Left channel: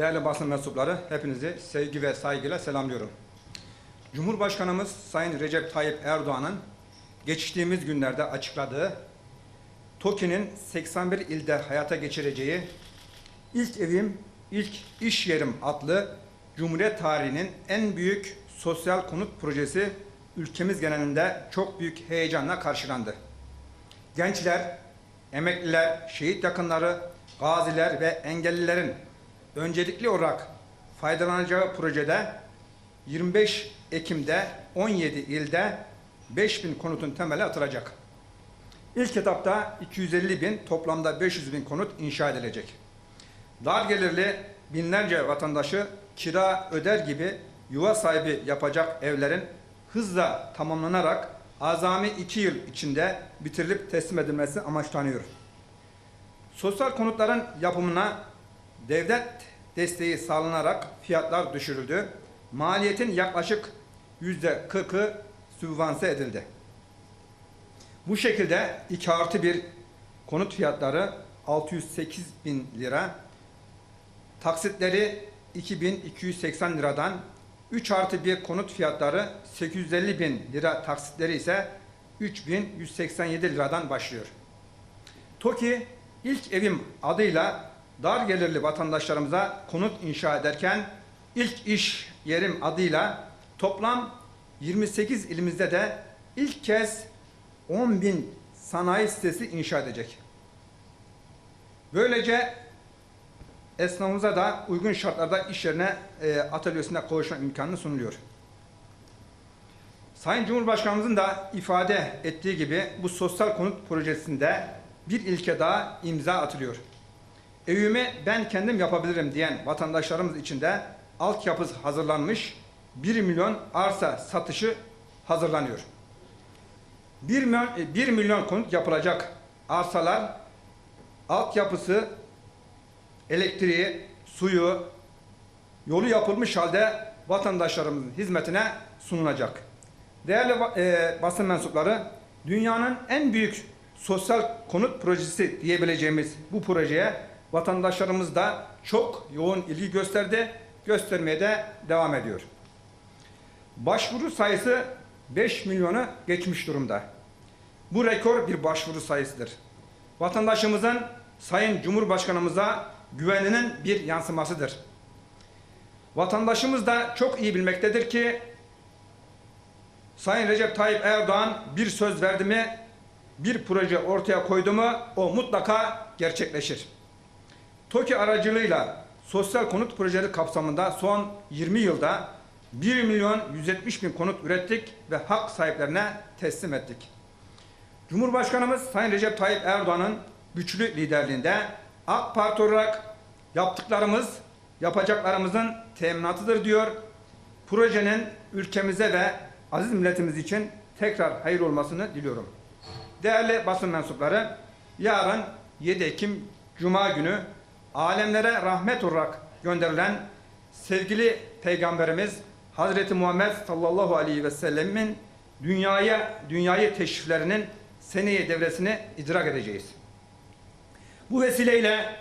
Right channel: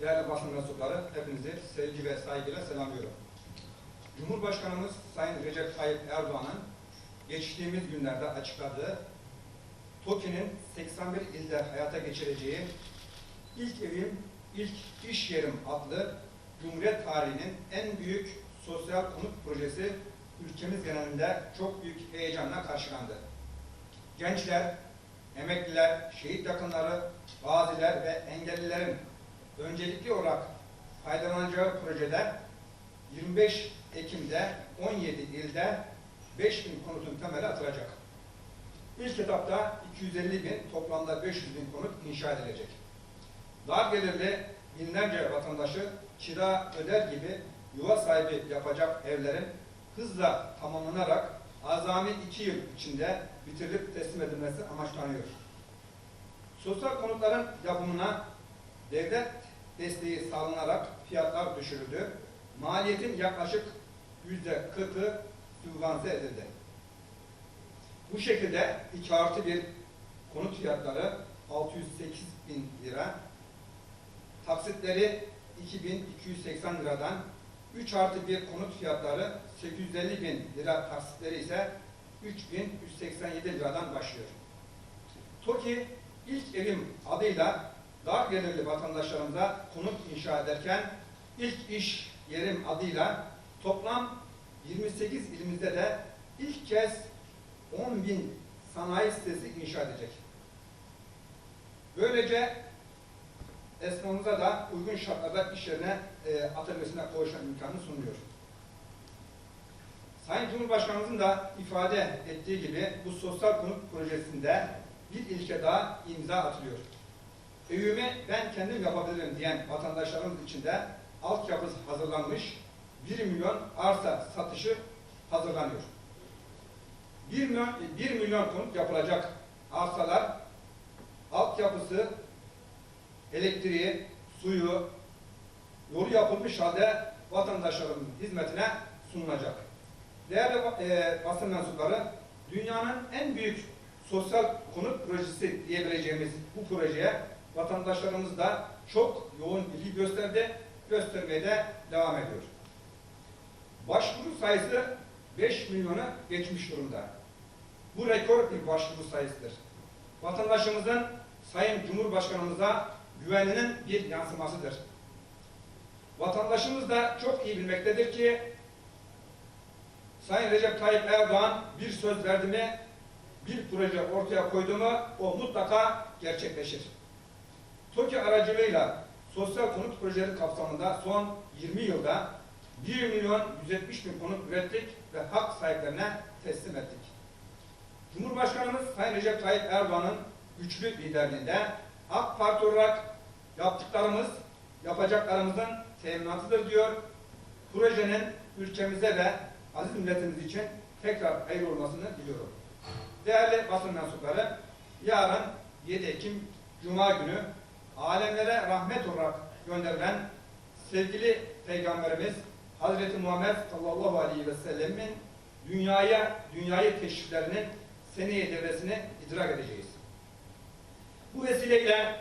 Değerli basın mensupları, hepinizi sevgi ve saygıyla selamlıyorum. Cumhurbaşkanımız Sayın Recep Tayyip Erdoğan'ın geçtiğimiz günlerde açıkladığı TOKİ'nin 81 ilde hayata geçireceği İlk Evim, İlk İş Yerim adlı Cumhuriyet tarihinin en büyük sosyal konut projesi ülkemiz genelinde çok büyük heyecanla karşılandı. Gençler, emekliler, şehit yakınları, gaziler ve engellilerin öncelikli olarak faydalanacağı projede 25 Ekim'de 17 ilde 5000 konutun temeli atılacak. İlk etapta 250 bin, toplamda 500 bin konut inşa edilecek. Dar gelirli binlerce vatandaşı kira öder gibi yuva sahibi yapacak evlerin hızla tamamlanarak azami iki yıl içinde bitirilip teslim edilmesi amaçlanıyor. Sosyal konutların yapımına devlet desteği sağlanarak fiyatlar düşürüldü. Maliyetin yaklaşık yüzde kırkı sübvanse edildi. Bu şekilde 2 artı 1 konut fiyatları 608 bin lira, taksitleri 2280 liradan, 3 artı 1 konut fiyatları 850 bin lira, taksitleri ise 3187 liradan başlıyor. TOKİ ilk evim adıyla dar gelirli vatandaşlarımıza konut inşa ederken ilk iş yerim adıyla toplam 28 ilimizde de ilk kez 10 bin sanayi sitesi inşa edecek. Böylece esnafımıza da uygun şartlarda iş yerine e, atölyesine kavuşma imkanı sunuluyor. Sayın Cumhurbaşkanımızın da ifade ettiği gibi bu sosyal konut projesinde bir ilke daha imza atılıyor. Evimi ben kendim yapabilirim diyen vatandaşlarımız için de altyapısı hazırlanmış 1 milyon arsa satışı hazırlanıyor. 1 milyon, 1 milyon konut yapılacak arsalar altyapısı, elektriği, suyu, yolu yapılmış halde vatandaşlarımızın hizmetine sunulacak. Değerli e, basın mensupları, dünyanın en büyük sosyal konut projesi diyebileceğimiz bu projeye vatandaşlarımız da çok yoğun ilgi gösterdi, göstermeye de devam ediyor. Başvuru sayısı 5 milyonu geçmiş durumda. Bu rekor bir başvuru sayısıdır. Vatandaşımızın Sayın Cumhurbaşkanımıza güveninin bir yansımasıdır. Vatandaşımız da çok iyi bilmektedir ki Sayın Recep Tayyip Erdoğan bir söz verdi mi, bir proje ortaya koydu mu o mutlaka gerçekleşir. TOKİ aracılığıyla sosyal konut projeleri kapsamında son 20 yılda 1 milyon 170 bin konut ürettik ve hak sahiplerine teslim ettik. Cumhurbaşkanımız Sayın Recep Tayyip Erdoğan'ın güçlü liderliğinde AK Parti olarak yaptıklarımız yapacaklarımızın teminatıdır diyor. Projenin ülkemize ve aziz milletimiz için tekrar hayır olmasını diliyorum. Değerli basın mensupları, yarın 7 Ekim Cuma günü alemlere rahmet olarak gönderilen sevgili Peygamberimiz Hazreti Muhammed sallallahu aleyhi ve sellemin dünyaya dünyayı teşriflerinin seneye devresini idrak edeceğiz. Bu vesileyle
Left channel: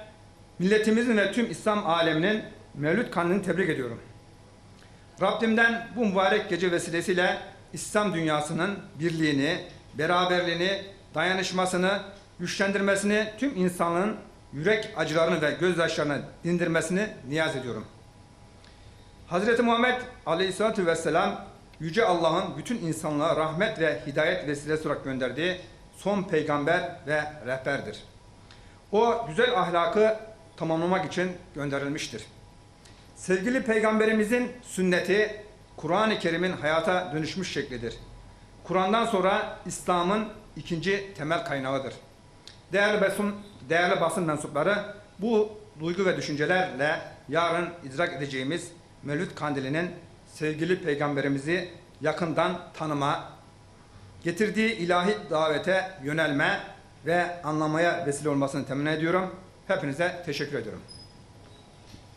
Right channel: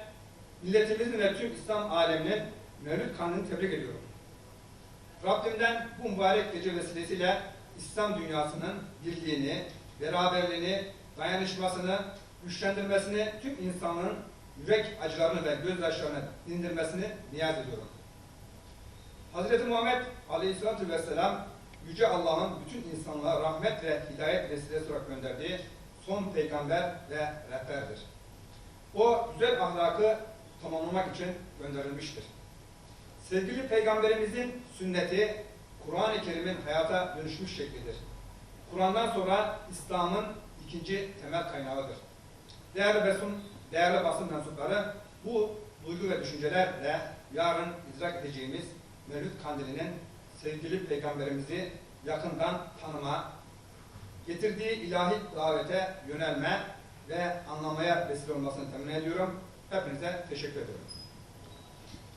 milletimizin ve tüm İslam aleminin Mevlüt Kandilini tebrik ediyorum. Rabbimden bu mübarek gece vesilesiyle İslam dünyasının birliğini, beraberliğini, dayanışmasını, güçlendirmesini, tüm insanlığın yürek acılarını ve gözyaşlarını dindirmesini niyaz ediyorum. Hazreti Muhammed Aleyhisselatü Vesselam Yüce Allah'ın bütün insanlığa rahmet ve hidayet vesilesi olarak gönderdiği son peygamber ve rehberdir. O güzel ahlakı tamamlamak için gönderilmiştir. Sevgili peygamberimizin sünneti Kur'an-ı Kerim'in hayata dönüşmüş şeklidir. Kur'an'dan sonra İslam'ın ikinci temel kaynağıdır. Değerli basın, değerli basın mensupları bu duygu ve düşüncelerle yarın idrak edeceğimiz Mevlüt Kandili'nin sevgili peygamberimizi yakından tanıma, getirdiği ilahi davete yönelme ve anlamaya vesile olmasını temin ediyorum. Hepinize teşekkür ediyorum.